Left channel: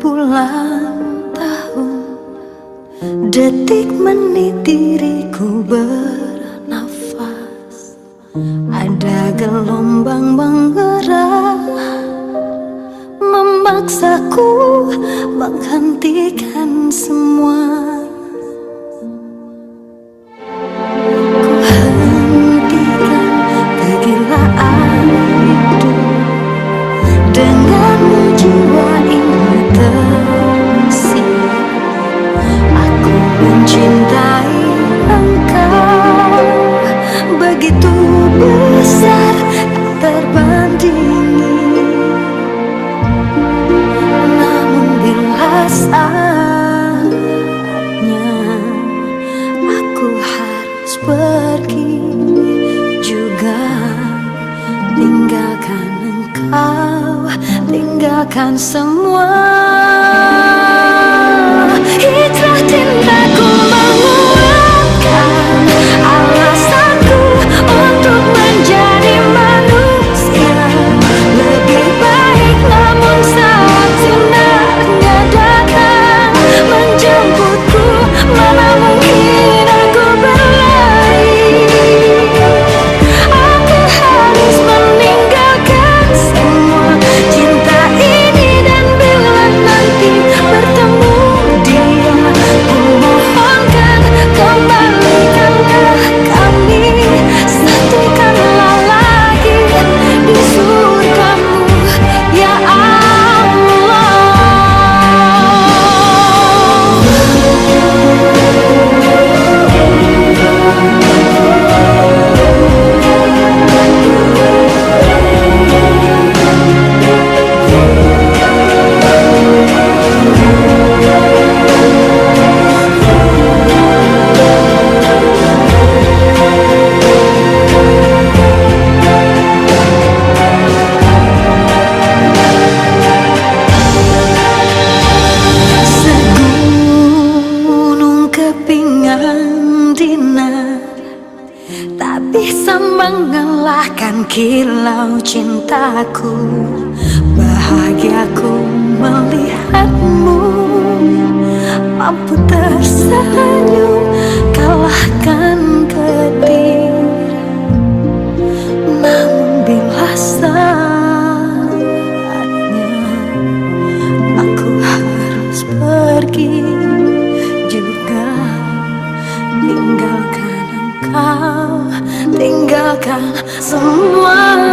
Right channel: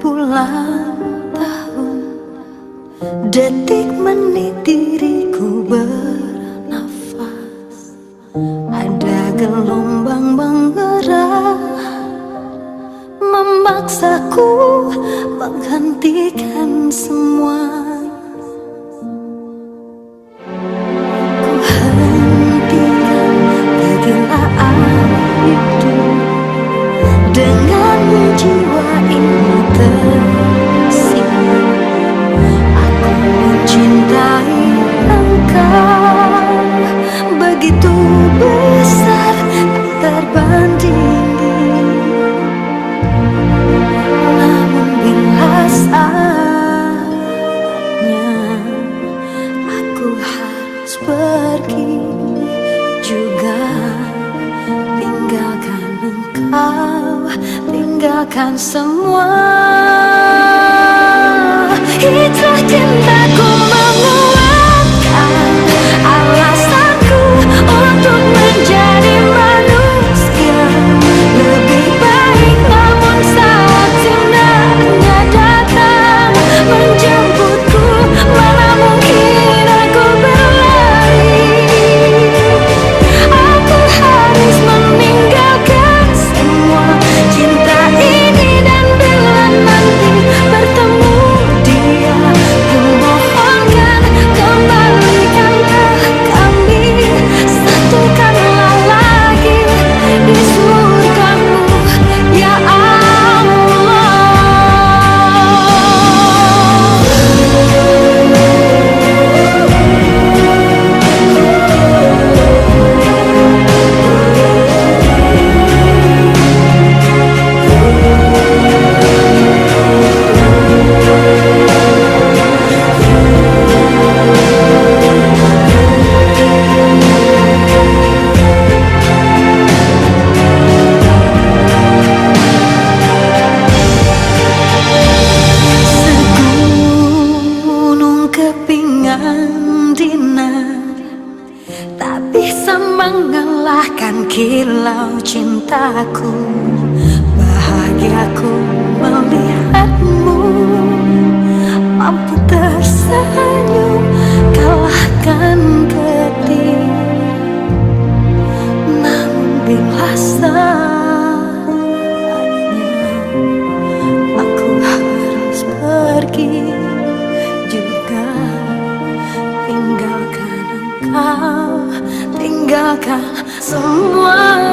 Bulan tahun, detik menit diriku bernafas. Ada gelombang menggerak, memaksaku menghentikan semua. Ku hentikan kegilaan hidup, denganmu jiwa ini tersi. Aku mencintai engkau begitu besar, tak terbandingi. Namun bila saatnya aku harus pergi juga, tinggalkan engkau, tinggalkan semua. Hijrah cintaku menguatkan alasanku untuk menjadi manusia lebih baik. Namun saat sinarnya datang menjemputku, mana mungkin aku berlari. Aku harus meninggalkan semua cinta ini, dan bila nanti bertemu dia, ku mohonkan kembalikanlah kami, satukanlah lagi di surgamu, ya Allah. Kepingan dinar tak bisa mengalahkan kilau cintaku. Bahagiaku melihatmu mampu tersenyum kalahkan petir. Namun bila saatnya aku harus pergi juga, tinggalkan engkau, tinggalkan semua.